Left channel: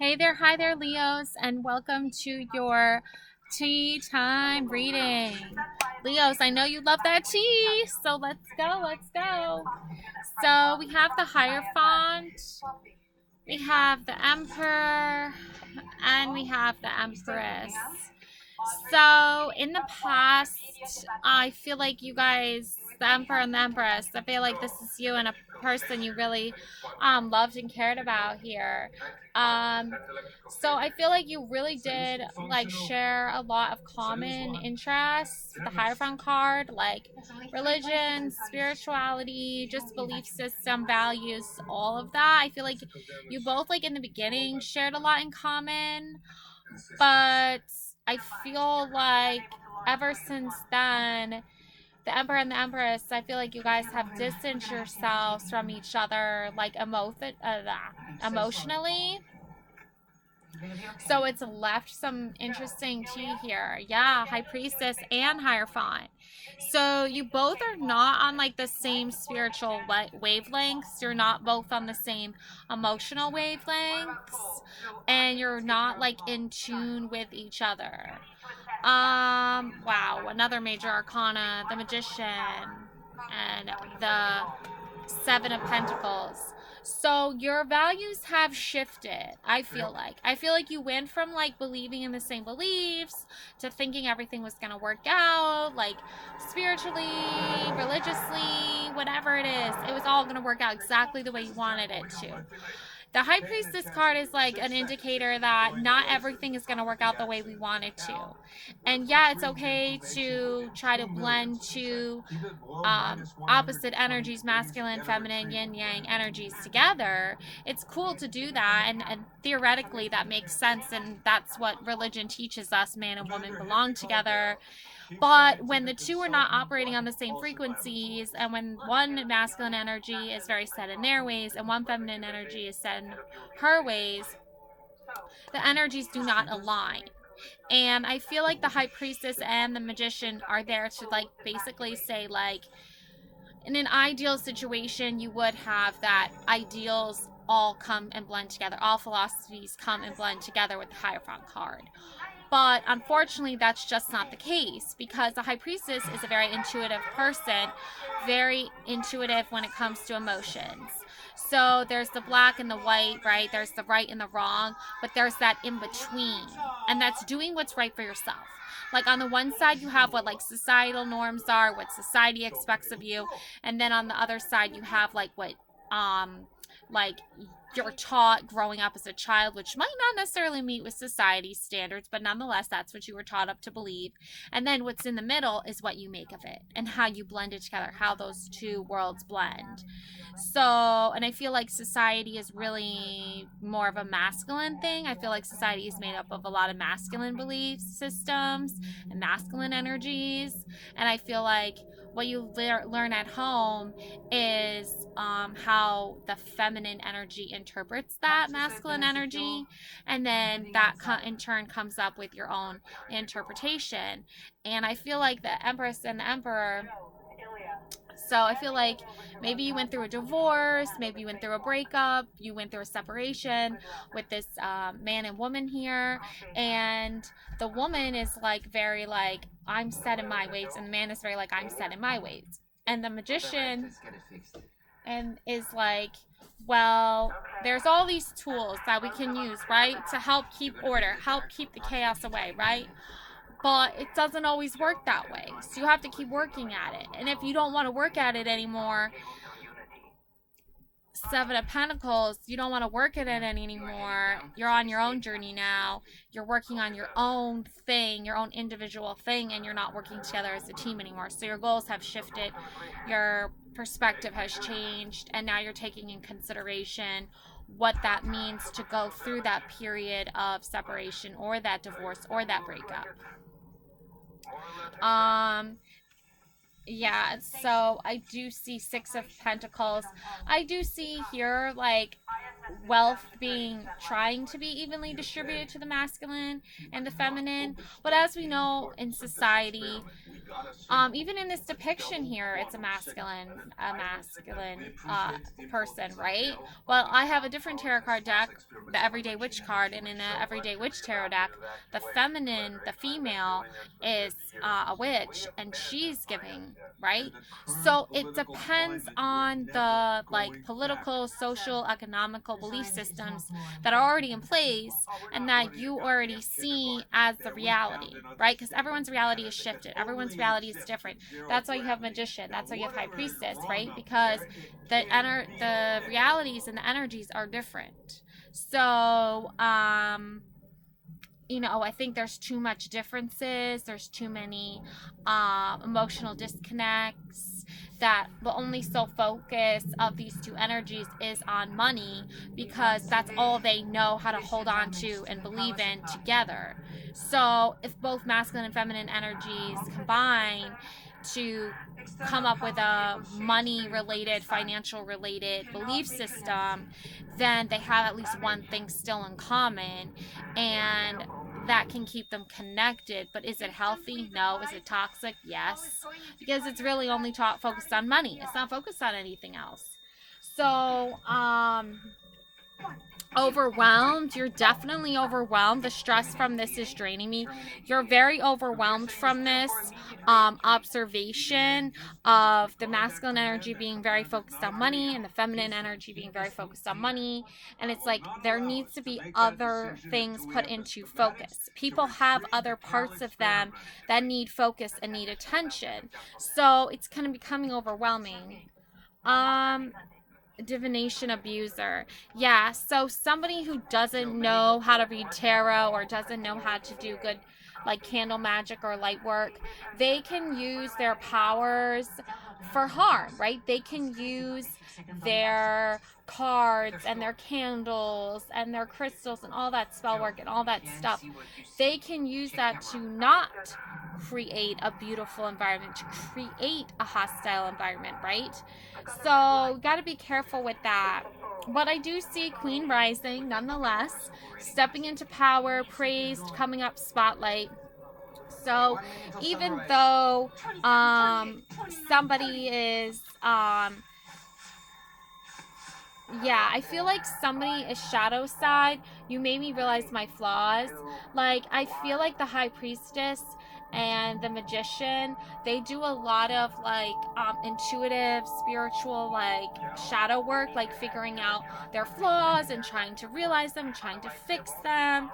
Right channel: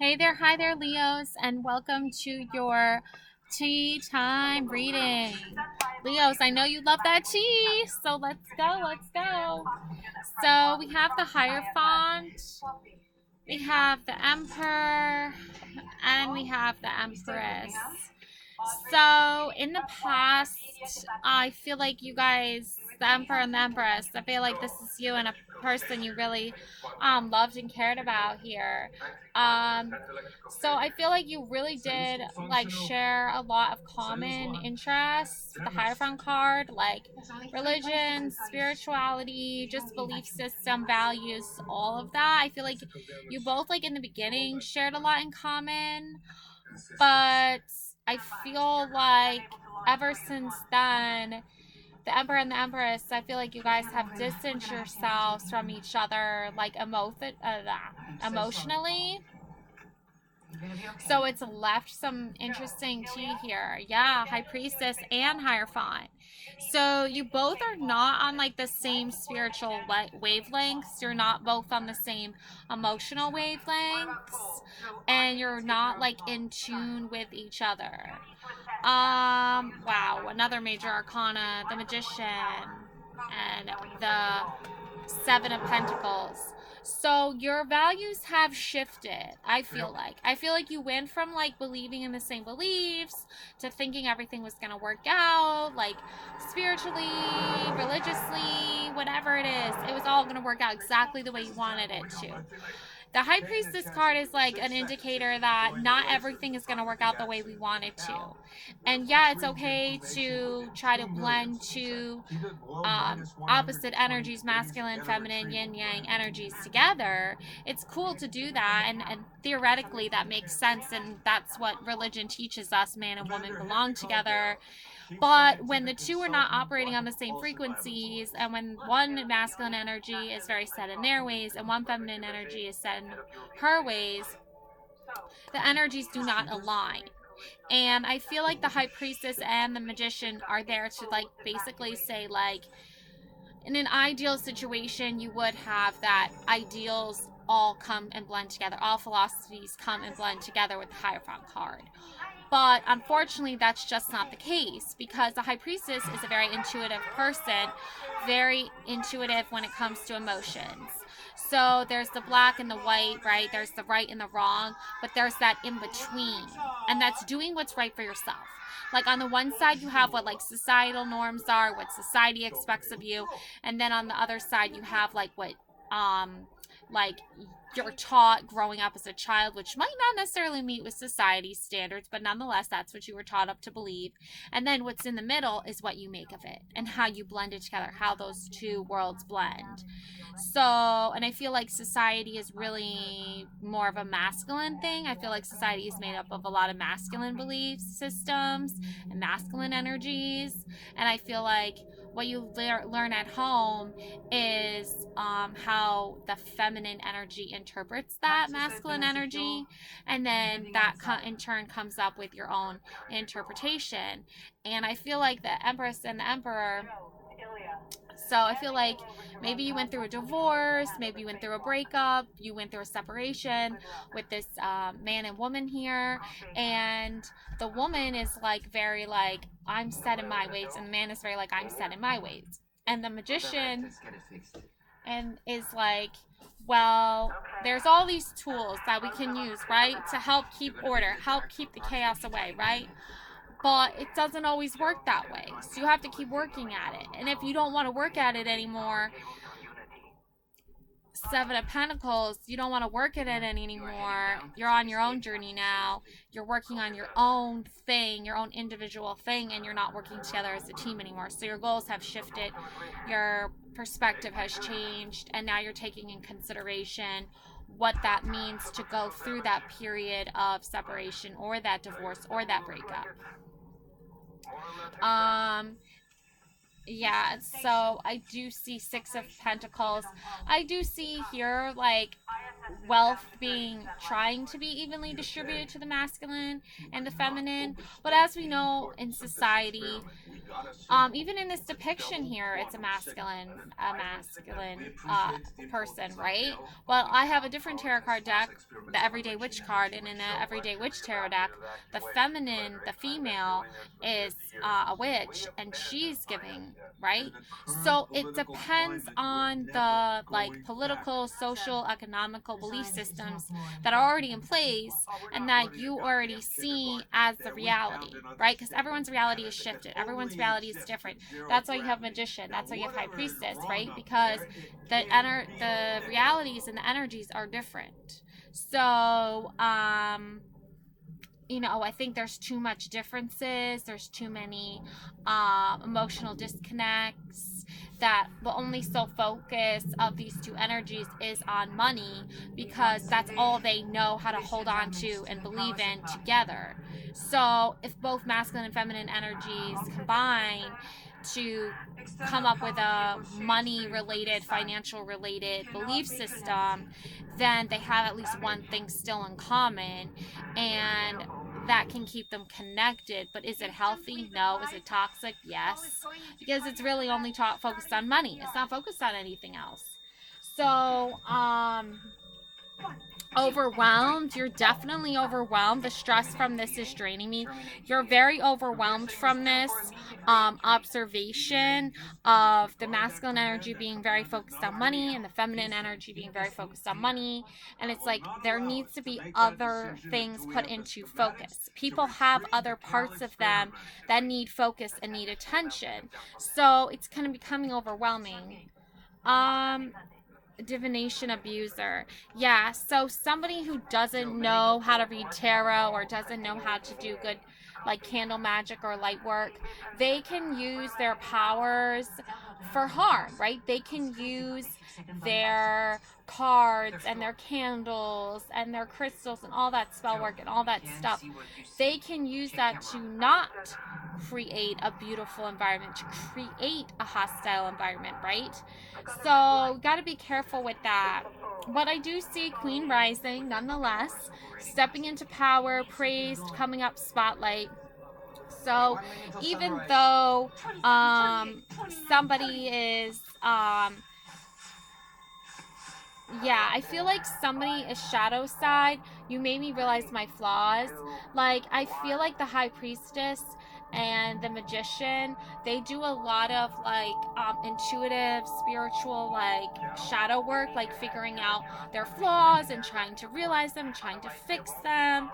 Hey there, hi there, Leos, and welcome to your tea time reading. Leos, I know you love that tea, so let's go. So we have the Hierophant, we have the Emperor, and we have the Empress. So in the past, I feel like you guys, the Emperor and the Empress, I feel like this is you and a person you really loved and cared about here. Um, so I feel like you really did like share a lot of common interests. The Hierophant card, like religion, spirituality, just belief system, values, all of that. I feel like you both like in the beginning shared a lot in common, but I feel like ever since then, the Emperor and the Empress, I feel like you guys have distanced yourselves from each other, like emotionally. So it's left some interesting tea here. Yeah, High Priestess and Hierophant. So you both are not on like the same spiritual wavelengths. You're not both on the same emotional wavelengths, and you're not like in tune with each other. Wow, another major arcana, the Magician and the Seven of Pentacles. So your values have shifted, I feel like. I feel like you went from like believing in the same beliefs to thinking everything was going to work out, like spiritually, religiously, whatever it is. It was all going to work out exactly the way you wanted it to. The High Priestess card is like an indicator that not everything is going to work out the way we want it to. And yeah, it's okay to try to blend two opposite energies, masculine, feminine, yin yang energies together. It's cool to do that, and theoretically that makes sense, and that's what religion teaches us: man and woman belong together. But when the two are not operating on the same frequencies, and when one masculine energy is very set in their ways and one feminine energy is set in her ways, the energies do not align. And I feel like the High Priestess and the Magician are there to like basically say like, in an ideal situation, you would have that ideals all come and blend together. All philosophies come and blend together with the Hierophant card. But unfortunately, that's just not the case, because the High Priestess is a very intuitive person, very intuitive when it comes to emotions. So there's the black and the white, right? There's the right and the wrong, but there's that in between. And that's doing what's right for yourself. Like on the one side, you have what like societal norms are, what society expects of you. And then on the other side, you have like what like you're taught growing up as a child, which might not necessarily meet with society's standards, but nonetheless, that's what you were taught up to believe. And then what's in the middle is what you make of it and how you blend it together, how those two worlds blend. So, and I feel like society is really more of a masculine thing. I feel like society is made up of a lot of masculine belief systems and masculine energies. And I feel like what you learn at home is how the feminine energy interprets that masculine energy, and then that in turn comes up with your own interpretation. And I feel like the Empress and the Emperor, so I feel like maybe you went through a divorce, maybe you went through a breakup, you went through a separation with this man and woman here, and the woman is like very like, I'm set in my ways, and the man is very like, I'm set in my ways. And the Magician and is like, well, there's all these tools that we can use, right, to help keep order, help keep the chaos away, right? But it doesn't always work that way. So you have to keep working at it. And if you don't want to work at it anymore, Seven of Pentacles, you don't want to work at it anymore. You're on your own journey now. You're working on your own thing, your own individual thing, and you're not working together as a team anymore. So your goals have shifted, your perspective has changed, and now you're taking in consideration what that means to go through that period of separation or that divorce or that breakup. Um, Yeah, so I do see Six of Pentacles. I do see here like wealth being trying to be evenly distributed to the masculine and the feminine. But as we know in society, even in this depiction here, it's a masculine person, right? Well, I have a different tarot card deck, the Everyday Witch card, and in the Everyday Witch tarot deck, the feminine, the female, is a witch, and she's giving, right? So it depends on the like political, social, economical belief systems that are already in place and that you already see as the reality, right? Because everyone's reality is shifted. Everyone's reality is different. That's why you have magician. That's why you have high priestess, right? Because the realities and the energies are different. So, I think there's too much differences. There's too many emotional disconnects. That the only sole focus of these two energies is on money because that's all they know how to hold on to and believe in together. So if both masculine and feminine energies combine to come up with a money related, financial related belief system, then they have at least one thing still in common. And that can keep them connected. But is it healthy? No. Is it toxic? Yes. Because it's really only focused on money. It's not focused on anything else. So, overwhelmed. You're definitely overwhelmed. The stress from this is draining me. You're very overwhelmed from this observation of the masculine energy being very focused on money and the feminine energy being very focused on money. And it's like there needs to be other things put into focus. People have other parts of them that need focus and need attention. So it's kind of becoming overwhelming. Um, Divination abuser. Yeah, so somebody who doesn't know how to read tarot or doesn't know how to do good like candle magic or light work, they can use their powers for harm, right? They can use their cards and their candles and their crystals and all that spell work and all that stuff. They can use that to not create a beautiful environment, to create a hostile environment, right? So, got to be careful with that. But I do see Queen Rising nonetheless, stepping into power, praised, coming up spotlight. So, even though somebody is yeah, I feel like somebody is shadow side. You made me realize my flaws. Like, I feel like the high priestess and the magician, they do a lot of like intuitive, spiritual, like shadow work, like figuring out their flaws and trying to realize them, trying to fix them,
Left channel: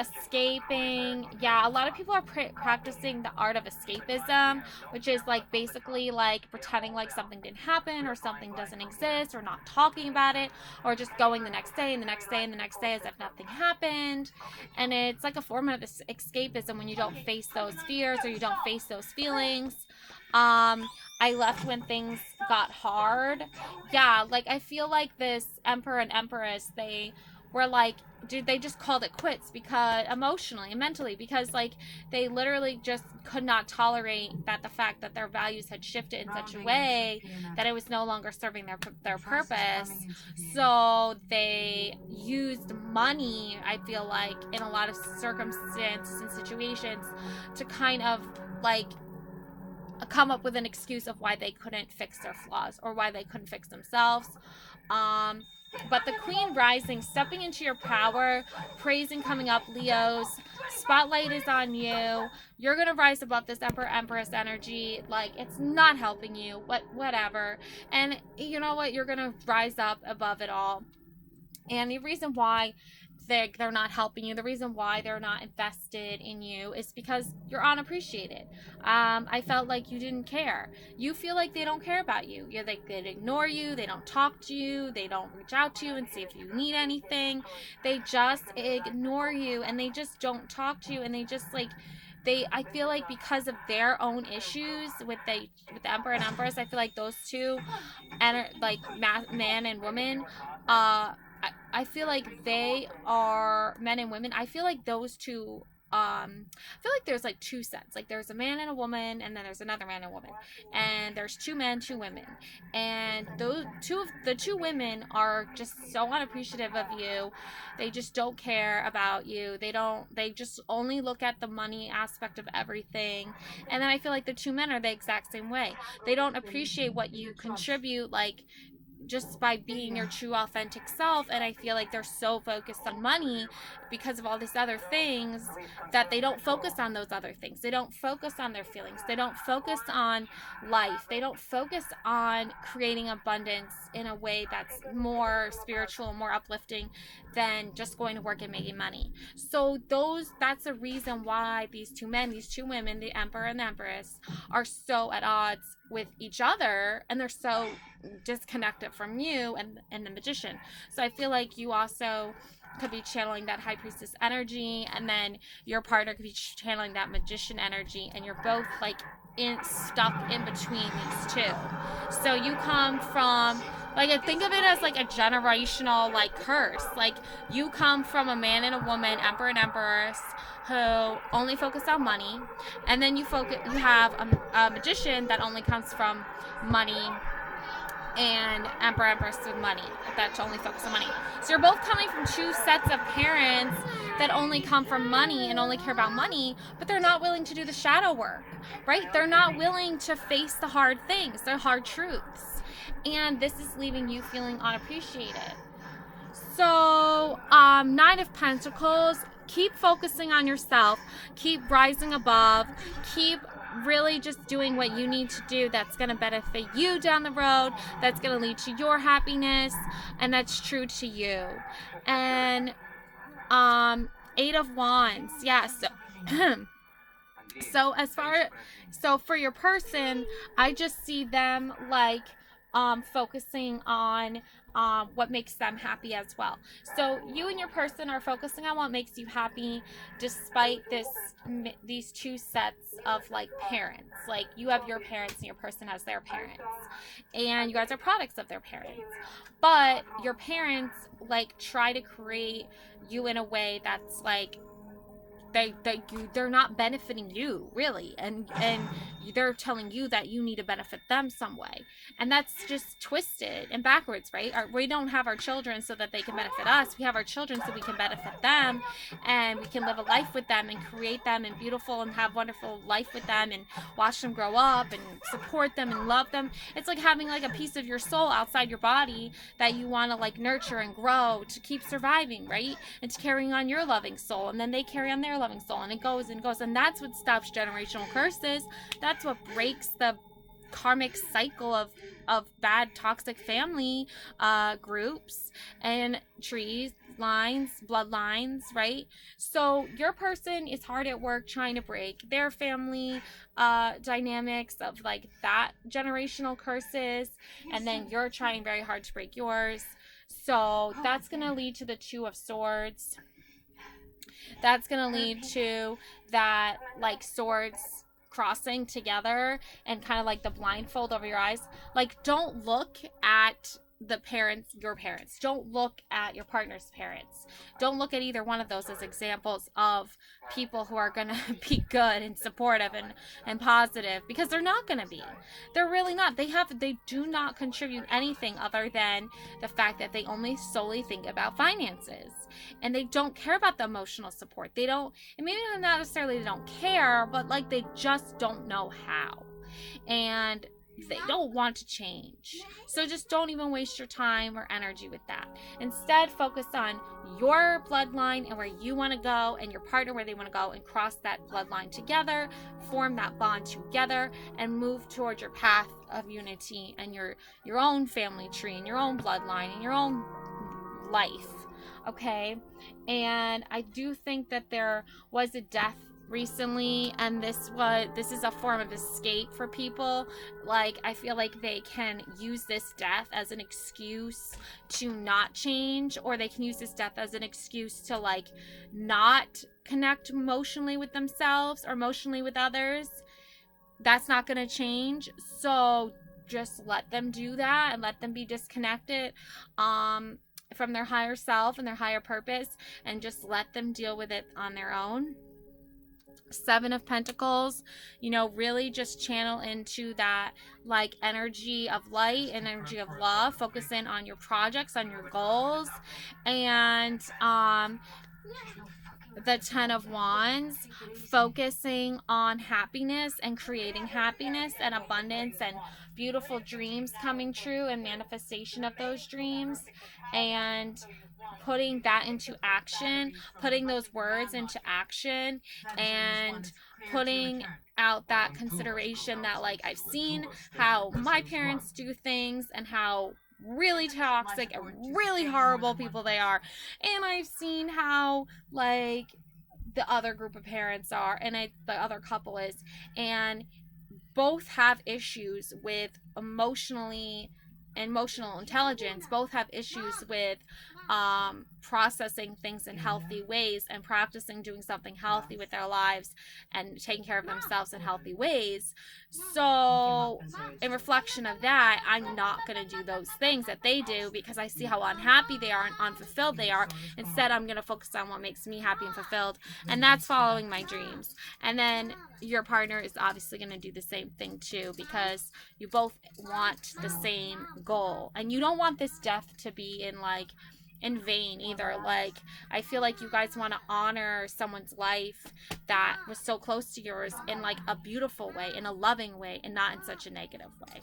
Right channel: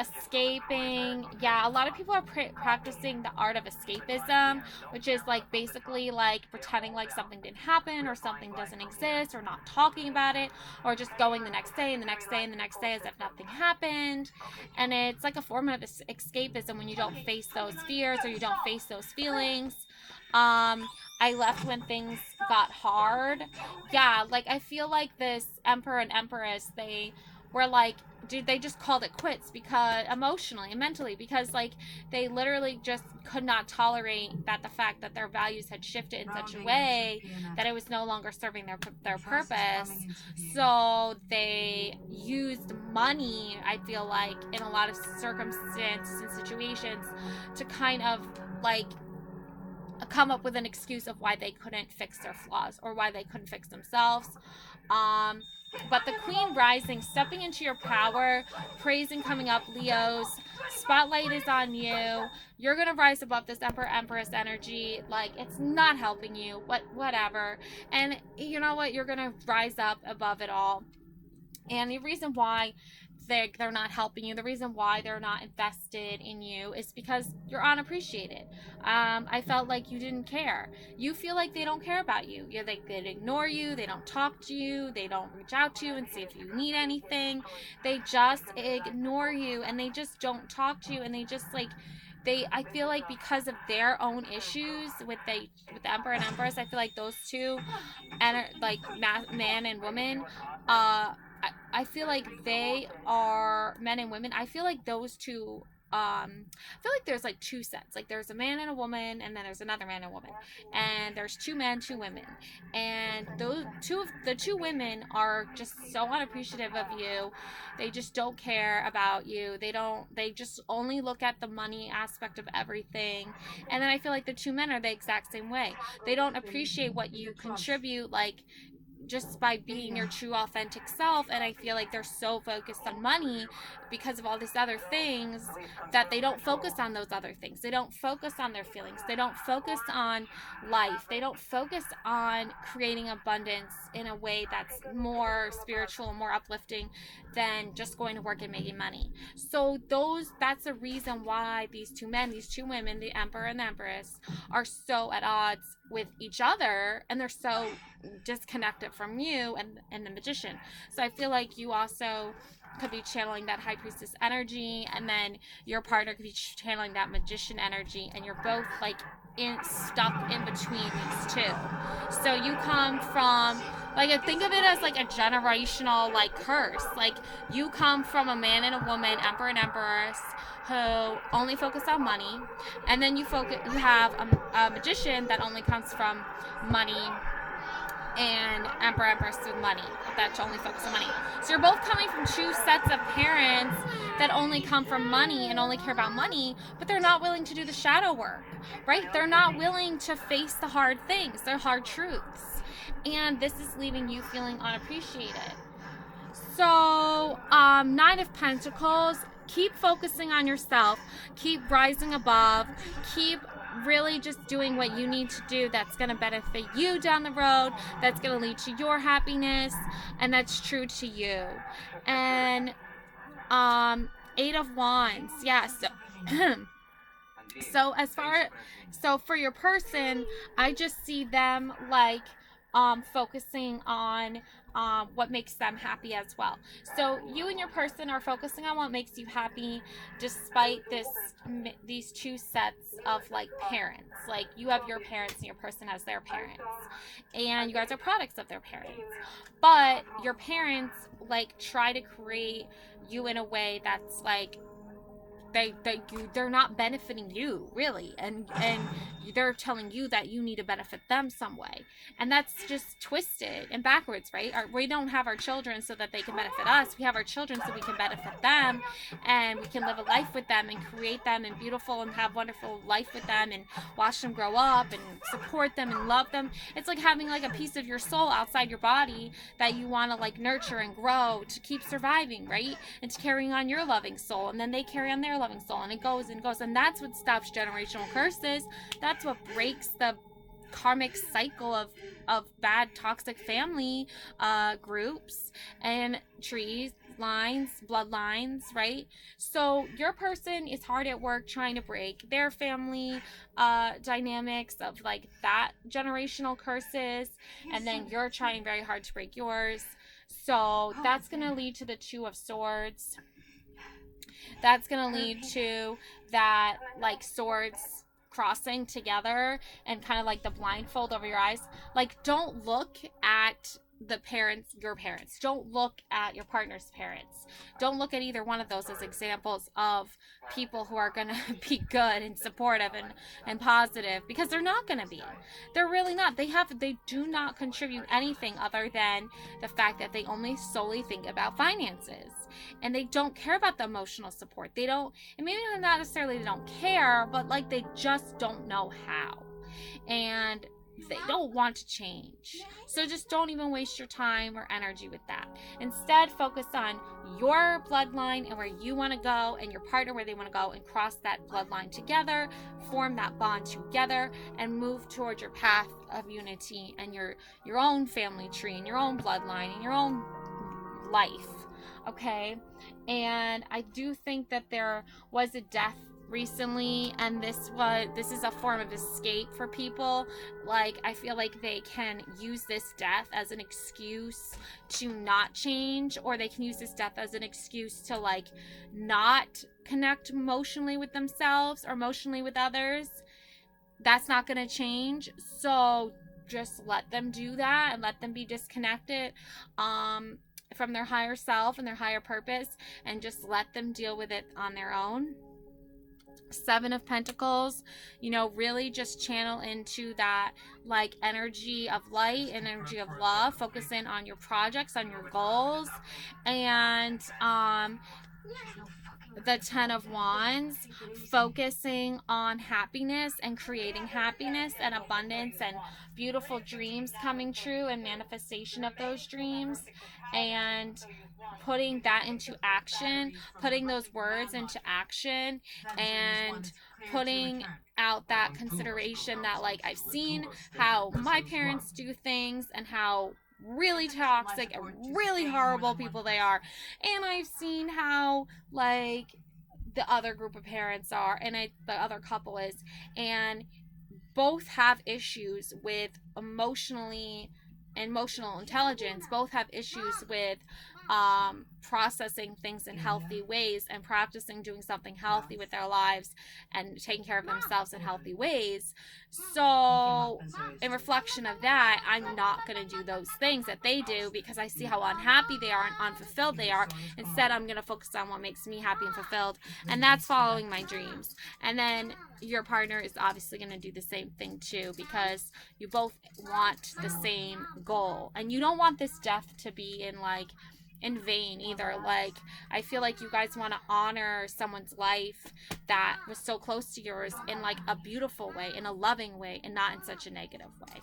escaping. Yeah, a lot of people are practicing the art of escapism, which is like basically like pretending like something didn't happen or something doesn't exist or not talking about it or just going the next day and the next day and the next day as if nothing happened. And it's like a form of escapism when you don't face those fears or you don't face those feelings. I left when things got hard. Yeah, like I feel like this emperor and empress, they were like, dude, they just called it quits because emotionally and mentally, because like they literally just could not tolerate that the fact that their values had shifted in such a way that it was no longer serving their purpose. So they used money, I feel like, in a lot of circumstances and situations to kind of like come up with an excuse of why they couldn't fix their flaws or why they couldn't fix themselves. Um, but the Queen Rising, stepping into your power, praising coming up, Leos, spotlight is on you. You're gonna rise above this Emperor Empress energy. Like it's not helping you, but whatever. And you know what? You're gonna rise up above it all. And the reason why they're not helping you, the reason why they're not invested in you is because you're unappreciated. I felt like you didn't care. You feel like they don't care about you. They ignore you, they don't talk to you, they don't reach out to you and see if you need anything. They just ignore you and they just don't talk to you and they just like I feel like because of their own issues with the Emperor and Empress, I feel like those two and like man and woman I feel like they are men and women. I feel like those two I feel like there's like two sets. Like there's a man and a woman, and then there's another man and a woman, and there's two men, two women, and those the two women are just so unappreciative of you. They just don't care about you. They just only look at the money aspect of everything. And then I feel like the two men are the exact same way. They don't appreciate what you contribute, like just by being your true authentic self. And I feel like they're so focused on money because of all these other things that they don't focus on those other things. They don't focus on their feelings. They don't focus on life. They don't focus on creating abundance in a way that's more spiritual, more uplifting than just going to work and making money. So that's the reason why these two men, these two women, the emperor and the empress, are so at odds with each other, and they're so disconnected from you and the magician. So I feel like you also could be channeling that high priestess energy, and then your partner could be channeling that magician energy, and you're both like stuck in between these two. So you come from, like, think of it as like a generational like curse. Like you come from a man and a woman, emperor and empress, who only focus on money, and then you have a magician that only comes from money, and emperor empress with money that only focus on money. So you're both coming from two sets of parents that only come from money and only care about money, but they're not willing to do the shadow work, right? They're not willing to face the hard things, the hard truths, and this is leaving you feeling unappreciated. So Nine of Pentacles, keep focusing on yourself, keep rising above, keep really just doing what you need to do that's going to benefit you down the road, that's going to lead to your happiness, and that's true to you. And Eight of Wands, yeah, so for your person, I just see them like focusing on what makes them happy as well. So you and your person are focusing on what makes you happy, despite these two sets of like parents. Like you have your parents and your person has their parents, and you guys are products of their parents. But your parents like try to create you in a way that's like they're not benefiting you really, and they're telling you that you need to benefit them some way, and that's just twisted and backwards, right? We don't have our children so that they can benefit us. We have our children so we can benefit them, and we can live a life with them and create them and beautiful and have wonderful life with them and watch them grow up and support them and love them. It's like having like a piece of your soul outside your body that you want to like nurture and grow to keep surviving, right? It's carrying on your loving soul, and then they carry on their loving soul, and it goes and goes, and that's what stops generational curses. That's what breaks the karmic cycle of bad toxic family groups and trees, lines, bloodlines, right? So your person is hard at work trying to break their family dynamics of like that generational curses, and then you're trying very hard to break yours. So that's going to lead to the Two of Swords. That's going to lead to that like swords crossing together and kind of like the blindfold over your eyes. Like don't look at the parents, your parents. Don't look at your partner's parents. Don't look at either one of those as examples of people who are going to be good and supportive and positive, because they're not going to be. They're really not. They do not contribute anything other than the fact that they only solely think about finances. And they don't care about the emotional support. They don't, and maybe not necessarily they don't care, but like they just don't know how. And they don't want to change. So just don't even waste your time or energy with that. Instead, focus on your bloodline and where you want to go, and your partner where they want to go, and cross that bloodline together, form that bond together, and move towards your path of unity and your own family tree and your own bloodline and your own life. Okay? And I do think that there was a death recently, and this is a form of escape for people. Like I feel like they can use this death as an excuse to not change, or they can use this death as an excuse to like not connect emotionally with themselves or emotionally with others. That's not going to change. So just let them do that and let them be disconnected from their higher self and their higher purpose, and just let them deal with it on their own. Seven of Pentacles, you know, really just channel into that like energy of light and energy of love. Focus in on your projects, on your goals. And the Ten of Wands, focusing on happiness and creating happiness and abundance and beautiful dreams coming true and manifestation of those dreams, and putting that into action, putting those words into action, and putting out that consideration that, like, I've seen how my parents do things and how really toxic and really horrible people they are, and I've seen how, like, the other group of parents are, and the other couple is, and both have issues with emotional intelligence, both have issues with processing things in healthy ways and practicing doing something healthy with their lives and taking care of themselves in healthy ways. So in reflection of that, I'm not going to do those things that they do because I see how unhappy they are and unfulfilled they are. Instead, I'm going to focus on what makes me happy and fulfilled, and that's following my dreams. And then your partner is obviously going to do the same thing too, because you both want the same goal, and you don't want this death to be in vain either. Like, I feel like you guys want to honor someone's life that was so close to yours in like a beautiful way, in a loving way, and not in such a negative way.